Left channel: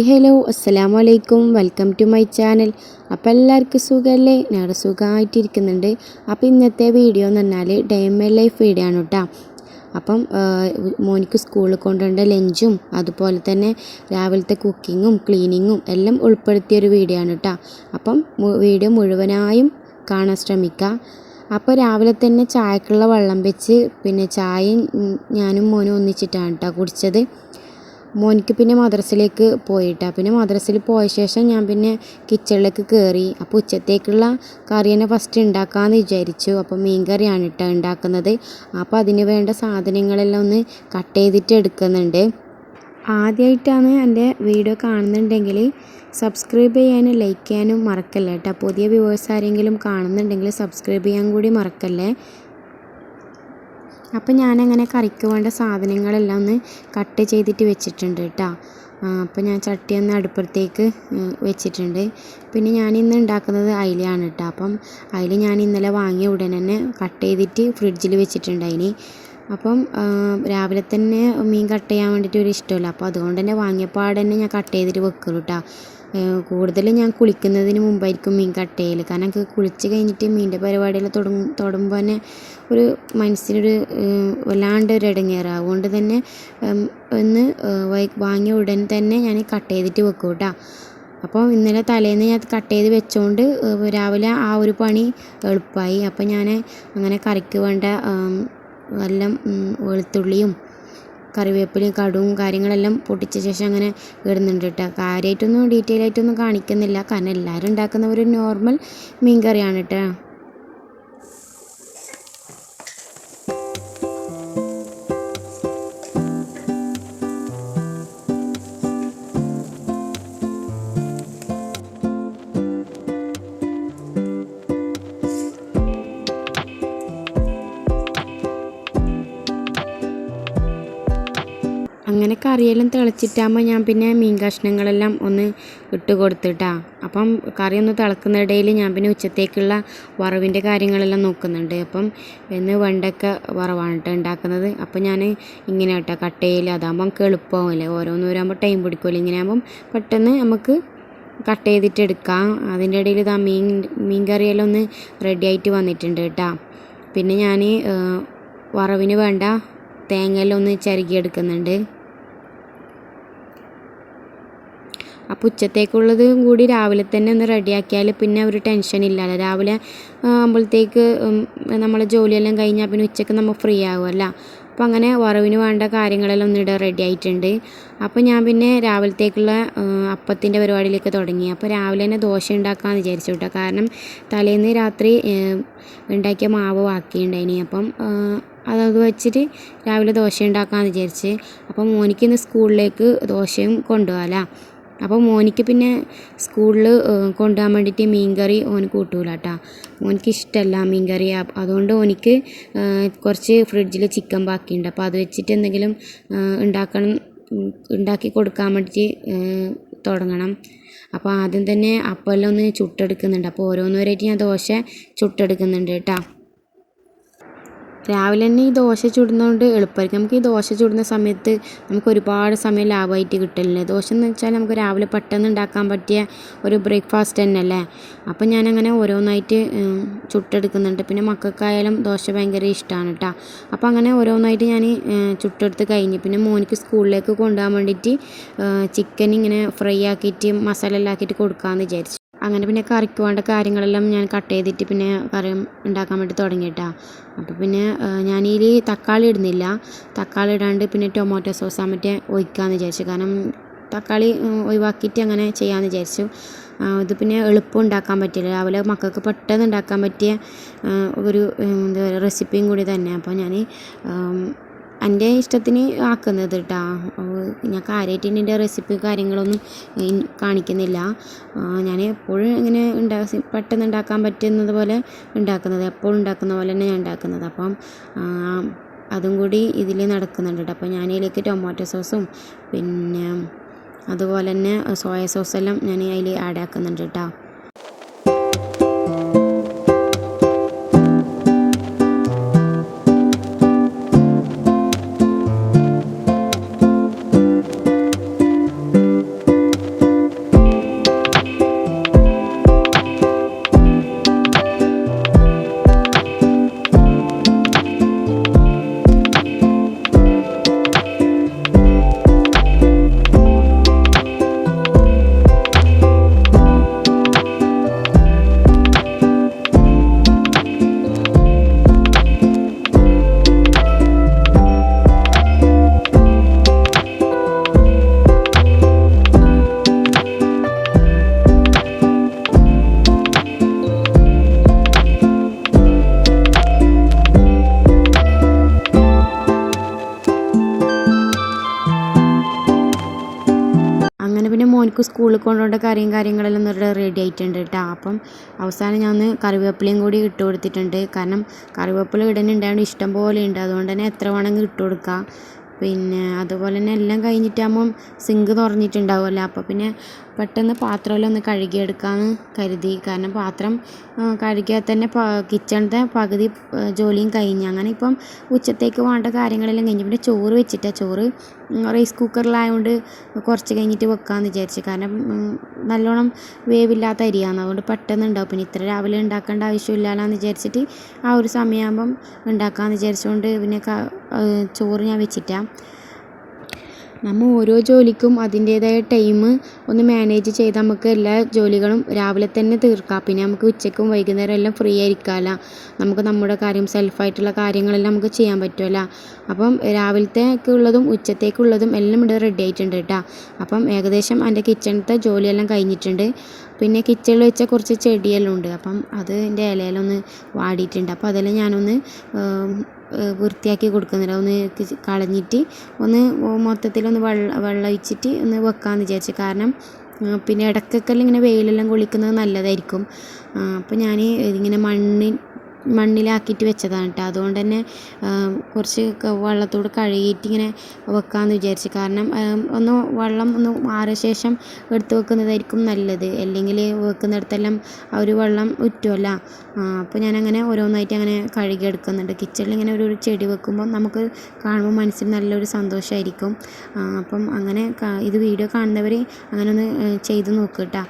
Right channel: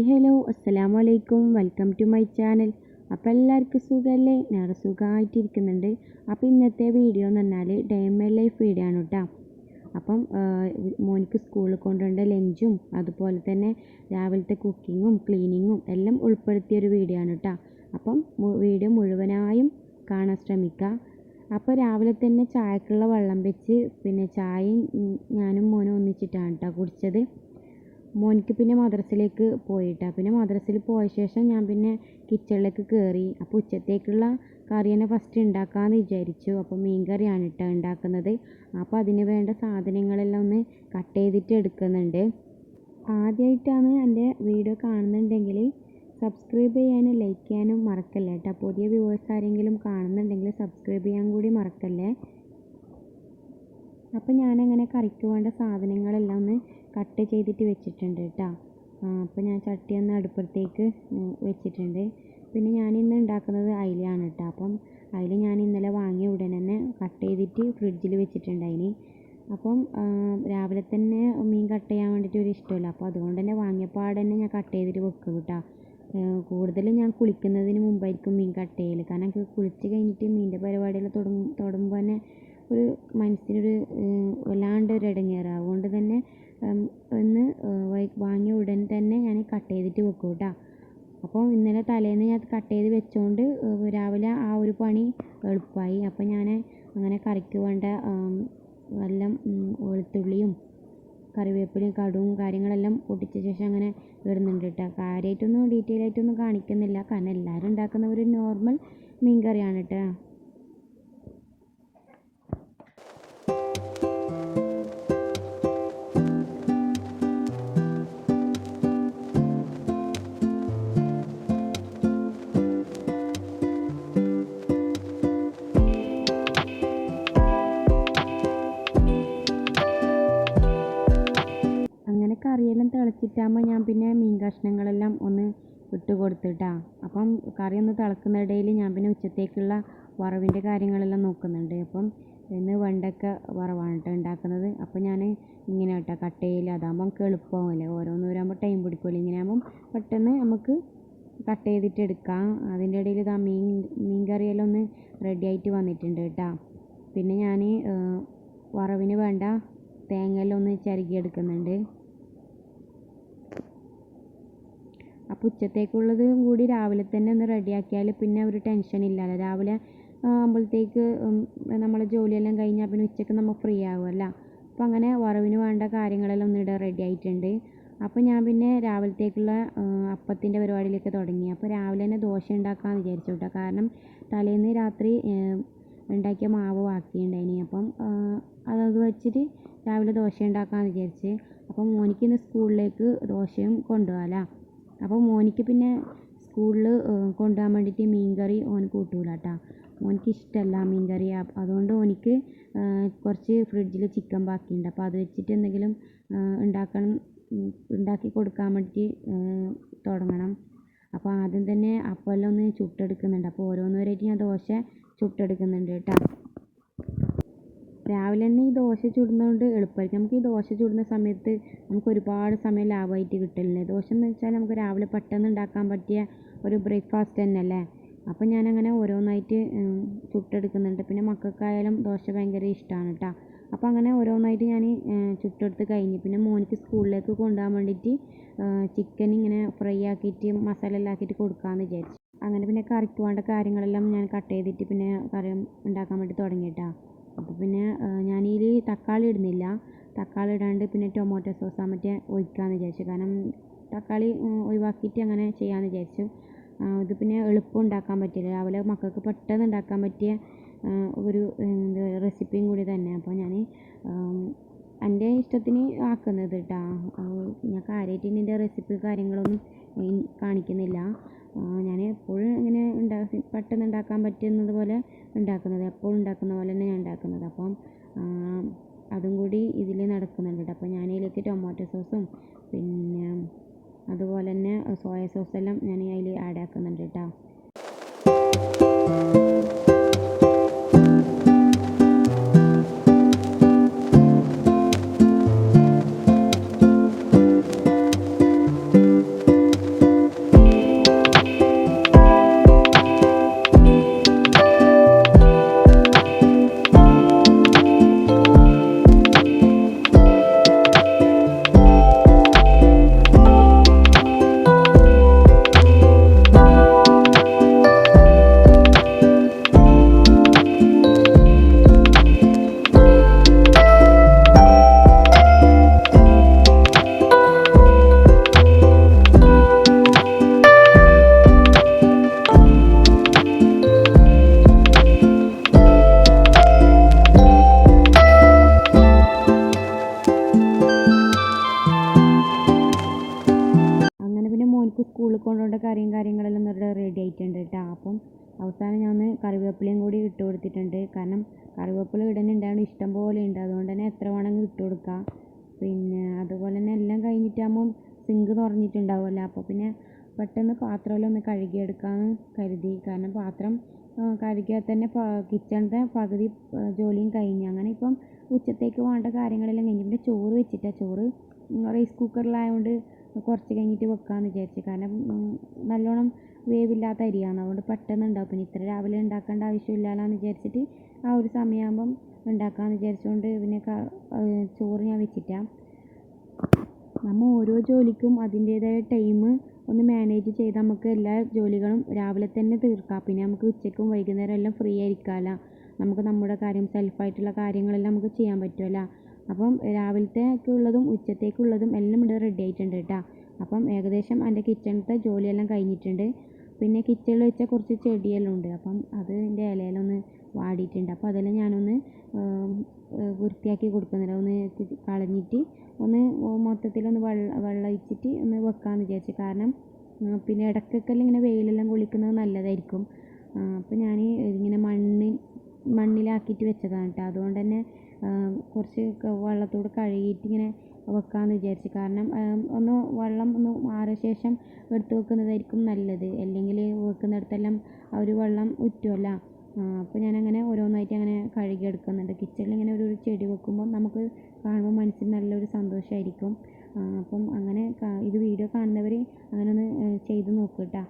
Hi hello അസ്സലാമു അലൈക്കും welcome to my channel. അപ്പോൾ എല്ലാവർക്കും സുഖമല്ലേ? ഞാൻ സുഖമായിട്ടിരിക്കുന്നുണ്ട്. അപ്പോൾ ഇന്നത്തെ വീഡിയോ എന്ന് പറഞ്ഞാൽ day in my life video ആണ് കേട്ടോ. അപ്പം മോനിക്ക് സ്കൂളിൽ കൊണ്ടുവരേണ്ട ലഞ്ചും അതുപോലെ തന്നെ രാവിലത്തെ കുക്കിങ്ങും ക്ലീനിങ്ങും എല്ലാം ഉൾപ്പെടുത്തിയൊരു വീഡിയോ ആണ് കേട്ടോ. അപ്പം വീഡിയോ മുഴുവനായും കാണാൻ ശ്രമിക്കുക. അപ്പോൾ രാവിലെ തന്നെ ചായക്കുള്ള വെള്ളം വെച്ച് പിന്നെ ചായയും ഞാനും മോനും ഒന്നിച്ചിട്ടാണ് കേട്ടോ കുടിച്ചത്. മോനിക്ക് പിന്നെ മദ്രസയിലേക്ക് പോയിട്ടാണ്. പിന്നെ മദ്രസയിൽ പോയ ശേഷം ഞാൻ പിന്നെ കിച്ചണിലേക്ക് കയറി. അപ്പോൾ ഉച്ചത്തേക്കുള്ള കറി തന്നെ ഫസ്റ്റ് ഉണ്ടാക്കാമെന്ന് വിചാരിച്ചു. അപ്പോൾ മീൻ കറിയാണ് കേട്ടോ ഉണ്ടാക്കുന്നത്. അപ്പോൾ അതിന് വേണ്ട സാധനങ്ങളെല്ലാം ഒന്ന് കട്ട് ചെയ്തിട്ട് എടുക്കുന്നുണ്ട്. ആദ്യമായിട്ടാണ് എൻ്റെ വീഡിയോ കാണുന്നുണ്ടെങ്കിൽ സബ്സ്ക്രൈബ് ചെയ്യാനും ലൈക്ക് ചെയ്യാനും മറക്കല്ലേ കേട്ടോ. പുതിയ വ്യൂവേഴ്സ് ആരെങ്കിലും കാണുന്നുണ്ടെങ്കിൽ സബ്സ്ക്രൈബ് ചെയ്യാൻ കൂടി മറക്കല്ലേ. അപ്പോൾ ഞാനങ്ങനെ കറിക്ക് വേണ്ട സാധനങ്ങളെല്ലാം ഒന്ന് കട്ട് ചെയ്തിട്ട് വെച്ചിട്ടുണ്ട് കേട്ടോ. അപ്പോൾ ഞാൻ ചട്ടി ഒന്ന് അടുപ്പത്തേക്ക് വെച്ചിട്ടുണ്ട്. പിന്നെ ഞാനിന്ന് ഉണ്ടാക്കുന്നത് അയിലയാണ് കേട്ടോ. അപ്പം അയില ഞാൻ ഇന്നലെ വാങ്ങിയ ഉടനെ തന്നെ കട്ട് ചെയ്തിട്ട് ഫ്രിഡ്ജിൽ വെച്ചിട്ടുണ്ടായിന്. അപ്പം രാവിലെ തന്നെ മീൻ കട്ട് ചെയ്യാൻ വേണ്ടിയിട്ട് ഒരു ഇഷ്ടമല്ല. അപ്പോൾ അതുകൊണ്ട് തന്നെ വാങ്ങിയപ്പോൾ തന്നെ ഞാൻ കട്ട് ചെയ്തിട്ട് വെക്കുള്ളൂ കേട്ടോ. കൂടുതലും ഞാൻ കുളിക്കുന്നതിന് മുമ്പായിരിക്കും മീൻ കട്ട് ചെയ്യൽ. കാരണം എനിക്ക് കുളിച്ച് കഴിഞ്ഞിട്ട് മീനിൻ്റെ പരിപാടിയെല്ലാം തുടങ്ങുമ്പോൾ തന്നെ ഒരു മനസ്സിനൊരു വല്ലാണ്ട് ഒരു ഇടങ്ങേറാണ്. അതുകൊണ്ട് തന്നെ ഒന്ന് വാങ്ങിയ ഉടൻ തന്നെ ഞാൻ കട്ട് ചെയ്തിട്ട് വെക്കും കേട്ടോ. അപ്പോൾ ഇന്നലെ തലേന്ന് ഞാൻ കട്ട് ചെയ്ത് വെച്ചുകൊണ്ട് രാവിലെ ആ ഒരു പണി എളുപ്പമായി. അപ്പോൾ ഞാൻ അങ്ങനെ കറിക്ക് വേണ്ട എല്ലാം വെളുത്തുള്ളിയും കറിവേപ്പിലയും കടുവും കാര്യങ്ങളെല്ലാം പൊട്ടിച്ച ശേഷം അങ്ങനെ ഇടുന്നുണ്ട് കേട്ടോ. കാര്യമായിട്ടൊന്നും ഡീറ്റെയിൽ ആയിട്ടൊന്നും കാണിക്കുന്നില്ല, കാരണം എല്ലാവരും ഉണ്ടാക്കുന്ന ഒരു നോർമൽ മീൻ കറിയാണ് കേട്ടോ. അങ്ങനെ കറിയെല്ലാം തിളച്ചിട്ടാകുമ്പോൾ ഞാൻ പിന്നെ മീൻ കഷ്ണങ്ങളെല്ലാം ഒന്ന് ഇട്ട് കൊടുത്തിട്ടാണ്. അപ്പം കറി ഒന്ന് തിളക്കുന്നിടയിൽ ഞാൻ പിന്നെ ഉച്ചത്തേക്കുള്ള വറവിൻ്റെ കാര്യങ്ങളെല്ലാം നോക്കുന്നുണ്ട്. അപ്പം ഇന്ന് വെണ്ടക്ക വറവാണ് കേട്ടോ ഉണ്ടാക്കുന്നത്. അപ്പം ഞാൻ ഇങ്ങനെ കേട്ടോ കട്ട് ചെയ്യില്ല, അതാകുമ്പോൾ നമുക്ക് എളുപ്പമാവില്ലേ. ഓരോന്നോരാകുമ്പോൾ ടൈം പിടിക്കുമല്ലോ. ഇങ്ങനെ ആകുമ്പം പെട്ടെന്ന് നമുക്ക് കട്ട് ചെയ്തിട്ട് എടുക്കാം. അതിൻ്റെ ഇടയിൽ ഇതാ മീൻ കറിയെല്ലാം ഒന്ന് റെഡി ആയിട്ട് വന്നിട്ടുണ്ട് കേട്ടോ. പിന്നെ ഞാൻ വറവിന് വേണ്ട തേങ്ങയെല്ലാം ഒന്ന് ചിരകിയെടുക്കുന്നുണ്ട്. അപ്പോൾ ഉച്ചത്തേക്കുള്ളത് കൂടി രാവിലെ തന്നെ ഒന്ന് റെഡിയാക്കിയാൽ പിന്നെ ഒരു ടെൻഷൻ ഇല്ലല്ലോ. രാവിലെ ആകുമ്പോഴത്തേക്ക് നമ്മളെ ജോലിയെല്ലാം കഴിഞ്ഞാൽ പിന്നെ ഉച്ചയ്ക്ക് നമ്മൾ ഫ്രീ ആകുമല്ലോ. അപ്പോൾ അങ്ങനെ വറവിന് വേണ്ട കാര്യങ്ങളെല്ലാം ഒന്നിടെ റെഡി ആയിട്ടുണ്ട്. അപ്പോൾ ഞാൻ പിന്നെ രാവിലത്തേക്കുള്ള അപ്പത്തിൻ്റെ പരിപാടിയിലേക്ക് തുടങ്ങി. അപ്പോൾ രാവിലെ തന്നെ ദോശ ഉണ്ടാക്കാമെന്ന് വിചാരിച്ചു കേട്ടോ. കാരണം തലേന്ന് രാത്രി ഉണ്ടാക്കിയ മാവ് ബാക്കിയുണ്ടായിനി. അപ്പം അത് വെച്ചിട്ട് രാവിലെ ദോശ ഉണ്ടാക്കാമെന്ന് വിചാരിച്ച്. അപ്പം മോനിക്ക് ഇന്ന് സ്കൂളിലേക്ക് ദോശയും കൊണ്ടുപോകാമല്ലോ. അപ്പോൾ മോനിക്ക് പിന്നെ സ്കൂളിൽ കൊണ്ടുപോകാൻ വേണ്ടിയിട്ട് മീൻ കറി ഓന് കൂട്ടൂല കേട്ടോ. മോനിക്ക് ഇഷ്ടമല്ല മീൻ കറി. അതുകൊണ്ട് ഓനിക്ക് കുറച്ച് ഫ്രിഡ്ജിൽ ചിക്കൻ ബാക്കിയുണ്ട്. അപ്പോൾ അത് വെച്ചിട്ട് എന്തെങ്കിലും ഉണ്ടാക്കി കൊടുക്കാൻ വേണ്ടിയിട്ട് തുടങ്ങണം. അപ്പോൾ ആദ്യം തന്നെ അപ്പമെല്ലാം ഒന്ന് ചുട്ടെടുക്കുന്നുണ്ട്. അപ്പോൾ ഓരോന്നോരായിട്ട് ഞാൻ ദോശ ചുട്ടെടുക്കുന്നുണ്ട് കേട്ടോ. രാവിലെ തന്നെ ഈ ദോശ ചുടുന്നതുകൊണ്ട് എളുപ്പമായിരിക്കും. നമുക്ക് ഈ ദോശ ചുടുന്ന സമയത്ത് നമുക്ക് ഒരുപാട് സമയം ലാഭമായിട്ട് കിട്ടില്ലേ. ദോശ എന്ന് വെച്ചാൽ നമുക്ക് രാവിലെ പെട്ടെന്ന് ഉണ്ടാക്കാൻ പറ്റിയ ഒരു ബ്രേക്ക്ഫാസ്റ്റ് തന്നെ അല്ലേ. അപ്പം ഞാനങ്ങനെ ഓരോന്നായിട്ട് ചുട്ടെടുക്കുന്നുണ്ട്. പിന്നെ മക്കൾക്കായാലും ദോശ ഭയങ്കര ഇഷ്ടമാണ് കേട്ടോ. അപ്പോൾ അങ്ങനെ ഓരോന്നായിട്ട് ഞാൻ ചുട്ടെടുത്ത് കഴിഞ്ഞ് പിന്നെ മോനിക്ക് സ്കൂളിലേക്ക് കൊണ്ടുപോകാൻ വേണ്ടിയിട്ട് ചിക്കൻ ഇങ്ങനെ ഫ്രൈ ആക്കിയിട്ട് മസാല എല്ലാം ആക്കിയിട്ട് കൊടുക്കാമെന്ന് വിചാരിച്ചു. അങ്ങനെ പിന്നെ കറിക്ക് വേണ്ട കാര്യങ്ങളെല്ലാം ഞാൻ കട്ട് ചെയ്തിട്ട് പിന്നെ കറി ഉണ്ടാക്കാൻ വേണ്ടി തുടങ്ങിയിട്ടാണ്. അപ്പോൾ പിന്നെ ഞാനതിൽ തക്കാളി ഇടുന്നില്ല. തക്കാളി ഇടാണ്ട് പിന്നെ ടൊമാറ്റോ സോസ് മറ്റേ ഒഴിക്കാമെന്ന് വിചാരിച്ചു. കാരണം തക്കാളി ഒഴിവാക്കിയിട്ട് അങ്ങനെ ചെയ്യാമെന്ന് വിചാരിച്ചു. ഇത് പിന്നെ എളുപ്പം ഉണ്ടാക്കാൻ പറ്റില്ല. രാവിലെ മക്കൾക്ക് പെട്ടെന്ന് ഉണ്ടാക്കാൻ പറ്റിയ ഒരു എന്താ പറയുക റെസിപ്പിയും കൂടി തന്നെ. അപ്പോൾ ഞാൻ എൻ്റെ ഇഷ്ടത്തിന് ആക്കുന്നത് കേട്ടോ. ഞാൻ കാര്യമായിട്ട് എൻ്റെ റെസിപ്പി കാര്യങ്ങളൊന്നും കാണിക്കുന്നില്ല. ഞാൻ എപ്പോഴും ഇങ്ങനെ പെട്ടെന്ന് ഉണ്ടാക്കാൻ പറ്റുന്നത് പോലെ ഉണ്ടാക്കുന്നത്, എപ്പോഴും ഉണ്ടാക്കുന്ന പോലെ തന്നെ ഞാൻ ഉണ്ടാക്കുന്നത്. അപ്പം അതും കൂടി ഇതിൽ നടക്കുന്നുണ്ട് കേട്ടോ. അപ്പോൾ ഞാൻ ഇതിലേക്ക് ടൊമാറ്റോ സോസും പിന്നെ അതുപോലെ തന്നെ സോയ സോസെല്ലാം ഞാൻ അതിൽ ആഡ് ആക്കുന്നുണ്ട് കേട്ടോ. അവർക്ക് സ്കൂളിൽ കൊണ്ടുപോകേണ്ട കാര്യങ്ങളെല്ലാം റെഡി ആയിട്ടുണ്ട് കേട്ടോ. അപ്പം അവസാനം ഞാൻ ഒന്ന് കറിവേപ്പിലയും കൂടി ഇട്ട് കൊടുത്തിട്ടുണ്ട്. കാരണം കറിവേപ്പില ഇടുന്നുണ്ടായതുകൊണ്ട് ഇഷ്ടം പോലെ ഉണ്ട്, അതുകൊണ്ട് തന്നെ എത്ര വേണമെങ്കിൽ ഇട്ട് കൊടുക്കാം. പിന്നെ അതുപോലെ തന്നെ എല്ലാം കഴിഞ്ഞിട്ടാകുമ്പം സിങ്ക് തുറന്നിട്ടുണ്ടാവുമല്ലോ, അപ്പോൾ പിന്നെ പെട്ടെന്ന് പാത്രമെല്ലാം ഒന്ന് കഴുകിയെടുക്കാമെന്ന് കരുതി. കാരണം പാത്രം കഴുകിയാൽ തന്നെ കിച്ചണിൻ്റെ പകുതി ജോലിയും കഴിഞ്ഞ്. അങ്ങനെ ഇപ്പം ഉച്ചത്തേക്ക് വേണ്ട കാര്യങ്ങളെല്ലാം കഴിഞ്ഞ്. പിന്നെ ചോറ് വെച്ചിട്ടാണ്, ചോറ് റൈസ് കുക്കറിലായതുകൊണ്ട് കുറച്ച് കഴിഞ്ഞിട്ട് വെക്കാമെന്ന് വിചാരിച്ചു. കാരണം നല്ലോണം വേവില്ലാത്ത അരിയാണ്, അതുകൊണ്ട് പെട്ടെന്ന് ഉണ്ടാവും. പിന്നെ ഇത്ര രാവിലെ ഉണ്ടാക്കേണ്ട ആവശ്യമില്ലല്ലോ എന്ന് വിചാരിച്ചിട്ട് ആ ഒരു സമയമാകുമ്പം ഉണ്ടാക്കാമെന്ന് വിചാരിച്ചുകൊണ്ട് പിന്നെ ചോറ് ഞാൻ വെച്ചിട്ടാണ്. നമ്മൾ ഓരോ ജോലിക്കും അതിൻ്റേതായ ടൈം ഒന്ന് മാനേജ് ചെയ്ത് നമുക്ക് എല്ലാ ജോലികളും രാവിലെ തന്നെ തീർക്കാം. പിന്നെ നമുക്ക് ഉച്ചയ്ക്കും വൈകുന്നേരം എല്ലാം ഫ്രീ ആയിരിക്കാമല്ലോ, നമുക്ക് നമ്മുടെ കാര്യം സെൽഫായിട്ടുള്ള കാര്യങ്ങളെല്ലാം നമുക്ക് ചെയ്യാൻ പറ്റുമല്ലോ. അപ്പം രാവിലത്തേക്ക് ഉള്ളതും ഉച്ചത്തേക്കുള്ളതും എല്ലാം ഇവിടെ റെഡി ആയിട്ടുണ്ട് കേട്ടോ. അപ്പം ഏകദേശം എൻ്റെ കിച്ചണിലത്തെ ജോലിയെല്ലാം കഴിഞ്ഞിട്ടുണ്ട്. പിന്നെ കിച്ചണിൽ വെച്ച കുറച്ച് ചെടിയെല്ലാം ഉണ്ട്, അപ്പം അതിൻ്റെ ഇലയിലൊന്ന് വാടിയിട്ടുണ്ട്. അപ്പോൾ അതെല്ലാം ഞാനൊന്ന് വൃത്തിയാക്കി കൊടുക്കുന്നില്ല, ഒന്ന് കളഞ്ഞിട്ട് ഒന്ന് മൊത്തത്തിലൊന്ന് വെള്ളം ഒഴിച്ചിട്ട് ഒന്ന് വെക്കാമെന്ന് വിചാരിച്ചു. കാരണം പിന്നെ ഇടയ്ക്കൊക്കെ ഇങ്ങനെ വെയിലെല്ലാം കൊള്ളിക്കുന്നത് നല്ലതായിരിക്കും. അപ്പോൾ ഞാൻ ഇതിങ്ങനെ മണ്ണിലാക്കിയിട്ട് വെച്ചതാണ് കേട്ടോ. അതുകൊണ്ട് തന്നെ കുറച്ച് വെള്ളത്തോട് കഴുകിയിട്ട് ഇങ്ങനെ വെക്കാമെന്ന് വിചാരിച്ചു. കാരണം ഒന്ന് വെള്ളം ഒന്ന് മാറിയ ശേഷം എടുത്ത് വെക്കുന്നതായിരിക്കും നല്ലത്, അല്ലെങ്കിൽ വെക്കുന്നിടത്തെല്ലാം ആ ഒരു വെള്ളം ഉറ്റുമല്ലോ. അപ്പോൾ ഞാനങ്ങനെ ഓരോന്നായിട്ട് അങ്ങനെ കഴുകിയെടുക്കുന്നുണ്ട്. കിച്ചണിൽ ഇങ്ങനെ ഒരു ചെടി വെക്കുമ്പോൾ നമുക്ക് കാണുമ്പോൾ മനസ്സിന് നല്ലൊരു സന്തോഷമായിരിക്കും. അപ്പം അങ്ങനെ ഇത് വീഡിയോ കാണുന്നവർ അങ്ങനെ ഒന്ന് ചെയ്ത് നോക്കുക കേട്ടോ.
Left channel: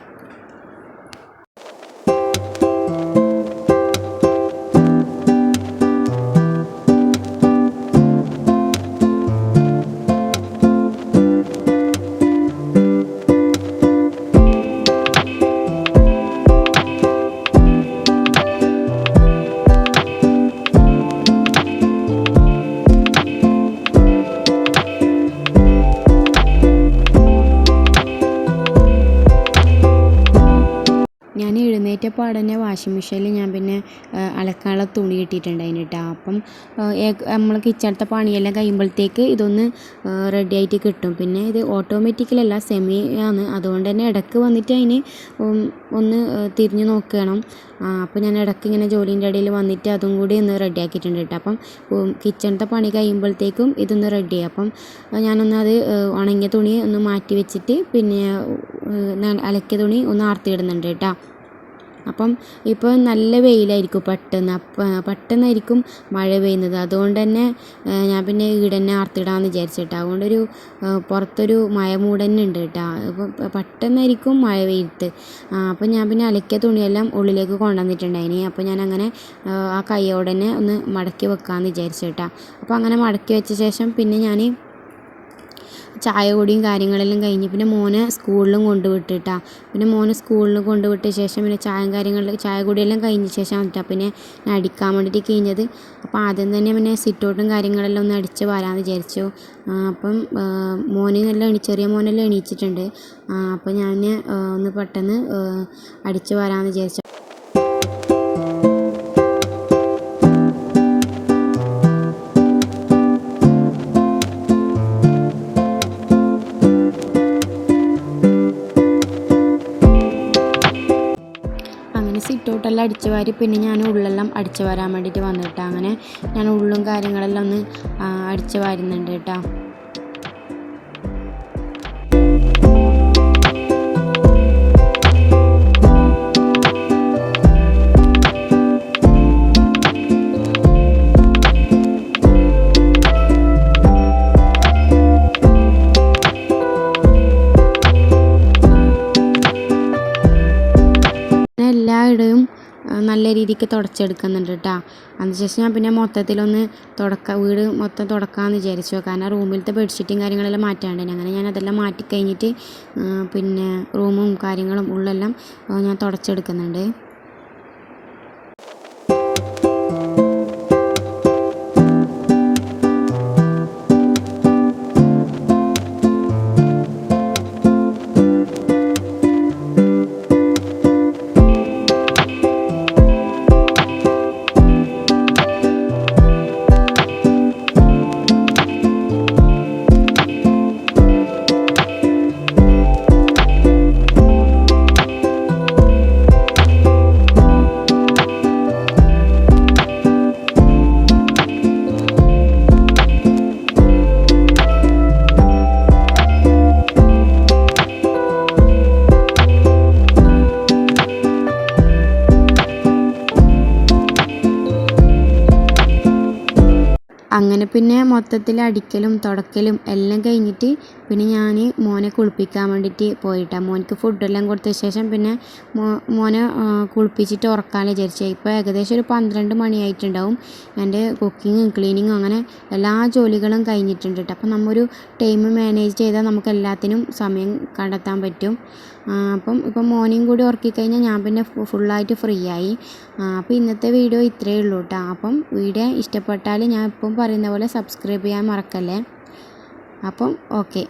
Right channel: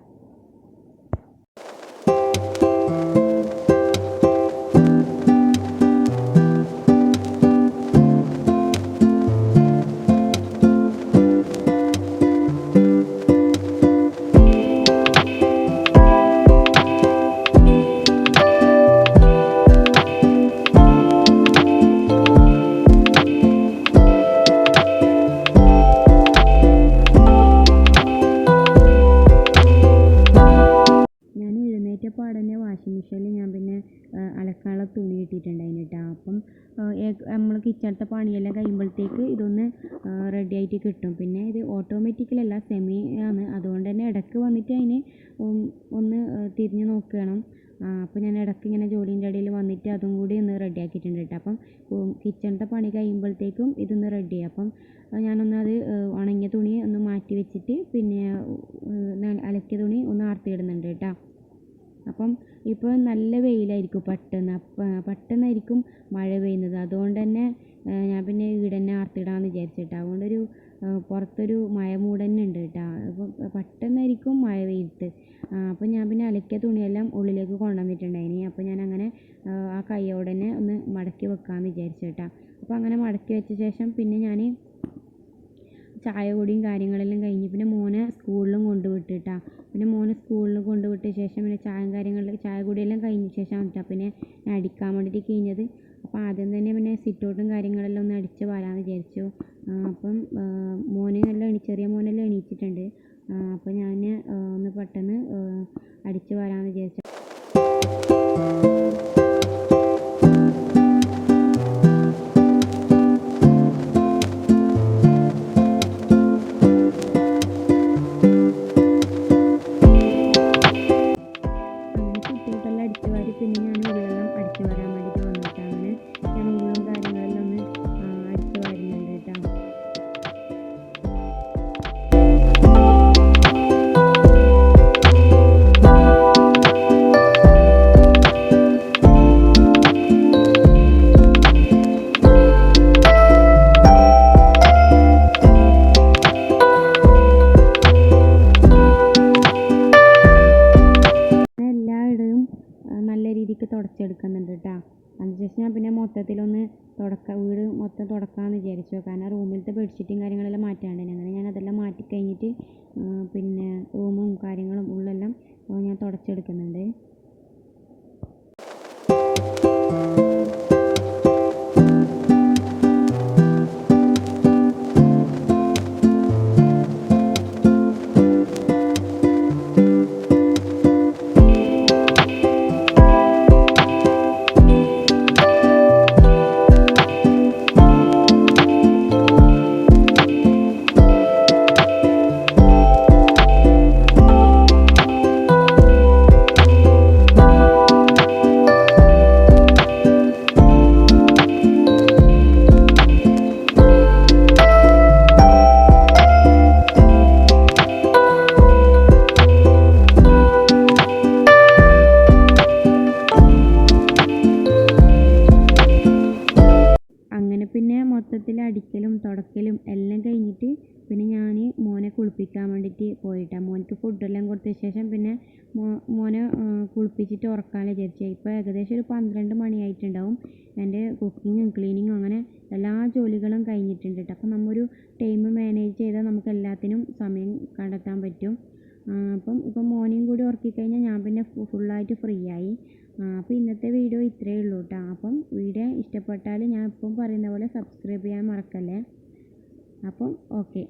എഴുന്നേറ്റപ്പാടെ തന്നെ വാഷിംഗ് മെഷീനിൽ ഞാൻ പിന്നെ അലക്കാനുള്ള തുണി ഇട്ടിട്ടുണ്ടായിരുന്നു കേട്ടോ. അപ്പം നമ്മൾ കിച്ചണത്തെ പണിയെല്ലാം കഴിയുമ്പോഴത്തേക്ക് ഇതൊന്ന് റെഡി ആയിട്ട് കിട്ടും. പിന്നെ ഇത് ഓട്ടോമാറ്റിക്കലല്ല, സെമി ആണ്, അതുകൊണ്ട് തന്നെ ഇടയ്ക്ക് വന്നിട്ട് അതിന് ഒന്ന് തിരിഞ്ഞ് നോക്കണം. അപ്പോൾ ഞാൻ ഇടയ്ക്ക് ഇങ്ങനെ ജോലീൻ്റെ ഇടയിൽ വന്നിട്ട് അതും കൂടി ഒന്ന് റെഡി ആക്കിയിട്ടുണ്ട് കേട്ടോ. അപ്പം കിച്ചണത്തെ പണി കഴിയുമ്പോഴത്തേക്കും ഇതൊന്ന് റെഡിയായി. അപ്പം ഞാനൊന്ന് അത് ഉണങ്ങിയ തുണി ഒന്ന് മാറ്റി വെച്ചിട്ട് പിന്നെ അലക്കിയ തുണി ഒന്ന് ആർത്തിയിടുന്നുണ്ട് കേട്ടോ. അപ്പം ഇപ്പോൾ നല്ല വെയിലായിരിക്കും, പെട്ടെന്നായിരിക്കും മഴ പെയ്യുന്നത്. അതുകൊണ്ട് തന്നെ ഞാൻ പിന്നെ ഈടെ തന്നെ ആർത്തിടാമെന്ന് വിചാരിച്ചിട്ടാ. അതുകൊണ്ടൊരു പുറത്തൊരു മഴ മൂടന്നെ ഉണ്ട് കേട്ടോ. അപ്പോൾ പെട്ടെന്നായിരിക്കും മഴ പെയ്ത്. അപ്പോൾ ഞാൻ പിന്നെ അലക്കിയ തുണിയെല്ലാം ഉള്ളിലേക്ക് കൊണ്ടുവന്നിട്ടുണ്ടായിനി. അപ്പോൾ ഞാനങ്ങനെ ആ കൈയോടെ തന്നെ ഒന്ന് മടക്കി വെക്കാമെന്ന് വിചാരിച്ചു കേട്ടോ. അപ്പോൾ അങ്ങനെ മടക്കി വെച്ച ശേഷം പിന്നെ ഞാൻ ചായ കുടിയും കാര്യങ്ങളെല്ലാം കഴിഞ്ഞ് പിന്നെ മോനെ സ്കൂളിലും കൊണ്ടുവിട്ടിട്ടാ. പിന്നെ മോനെ സ്കൂളിൽ കൊണ്ടുവിട്ട ശേഷം പിന്നെ ചായ കുടിയെല്ലാം കഴിഞ്ഞ ശേഷം വന്നിട്ടാണ് പിന്നെ ഞാൻ അടിക്കാൻ വേണ്ടിയിട്ട് കഴിഞ്ഞത്. അപ്പോൾ ആദ്യം തന്നെ പിന്നെ സിറ്റൗട്ടും കാര്യങ്ങളെല്ലാം ഒന്ന് അടിച്ച് വരാമെന്ന് വിചാരിച്ചു. അപ്പം ചെറിയ മോനെല്ലാം എണീച്ചിട്ടുണ്ട്. അപ്പോൾ ഞാൻ ഒന്ന് പെട്ടെന്ന് അടിച്ച് വരാമെന്ന് വിചാരിച്ചു. സിറ്റൗട്ടെല്ലാം അടിച്ച് വാരി പിന്നെ ഞാൻ ഉള്ളെല്ലാം അടിച്ച് വരാൻ വേണ്ടിയിട്ട് വന്നിട്ടാണ്. അങ്ങനെ ഞാൻ ഉള്ളും കാര്യങ്ങളെല്ലാം ഒന്ന് അടിച്ച് വാരുന്നുണ്ട് കേട്ടോ. എല്ലായിടവും നല്ല രീതിക്ക് തുടച്ചെടുക്കുന്നുണ്ട് കേട്ടോ. അതിനുശേഷം ഞാൻ പിന്നെ മൊത്തത്തിലൊന്ന് വീട് മൊത്തം തുടക്കാമെന്ന് വിചാരിച്ചു. കാരണം റൂമിലത്തെ ബെഡ്ഷീറ്റും കാര്യങ്ങളെല്ലാം മാറ്റാണ്ട്, അങ്ങനെ ഞാൻ അതെല്ലാം മാറ്റി കഴിഞ്ഞിട്ട് പിന്നെ റൂമും കാര്യങ്ങളും ഉള്ളെല്ലാം ഞാൻ തുടച്ചെടുക്കുന്നുണ്ട്. മൊത്തത്തിൽ അടിക്കലും തുടക്കലും എല്ലാം കഴിഞ്ഞിട്ട് പിന്നെ ഞാൻ മോനെ കുളിപ്പിക്കാൻ വേണ്ടിയിട്ട് പോയിട്ടാണ്. മോനക്ക് ഫുഡെല്ലാം കൊടുത്ത ശേഷം പിന്നെ മോനെ കുളിപ്പിച്ചിട്ട് ഉറക്കാമെന്ന് വിചാരിച്ചു. ഇപ്പോൾ ഏകദേശം ഒരു 12 മണിയായിട്ടുണ്ടാവും. എൻ്റെ കുക്കിങ്ങും ക്ലീനിങ്ങും അങ്ങനെ എല്ലാ ജോലികളും കഴിഞ്ഞിട്ടുണ്ട് കേട്ടോ. അപ്പം നമ്മൊരു ടൈം മാനേജ് ചെയ്താൽ നമുക്ക് എല്ലാത്തിനും സമയം കണ്ടെത്താൻ പറ്റും. ഇപ്പം മോനെയും കൂടി ഉറക്കിക്കഴിഞ്ഞാൽ ഞാൻ പിന്നെ ഫുള്ളായിട്ട് ഫ്രീ ആയി. അപ്പോൾ ഇന്നത്തെ വീഡിയോ ഇത്രയേ ഉള്ളൂ കേട്ടോ. അപ്പം വീഡിയോ ഇഷ്ടപ്പെട്ടാൽ ഞാൻ ഇപ്പം പറയുന്ന പോലെ സബ്സ്ക്രൈബ് ചെയ്യാൻ മറക്കല്ലേ. അപ്പം ഓക്കെ.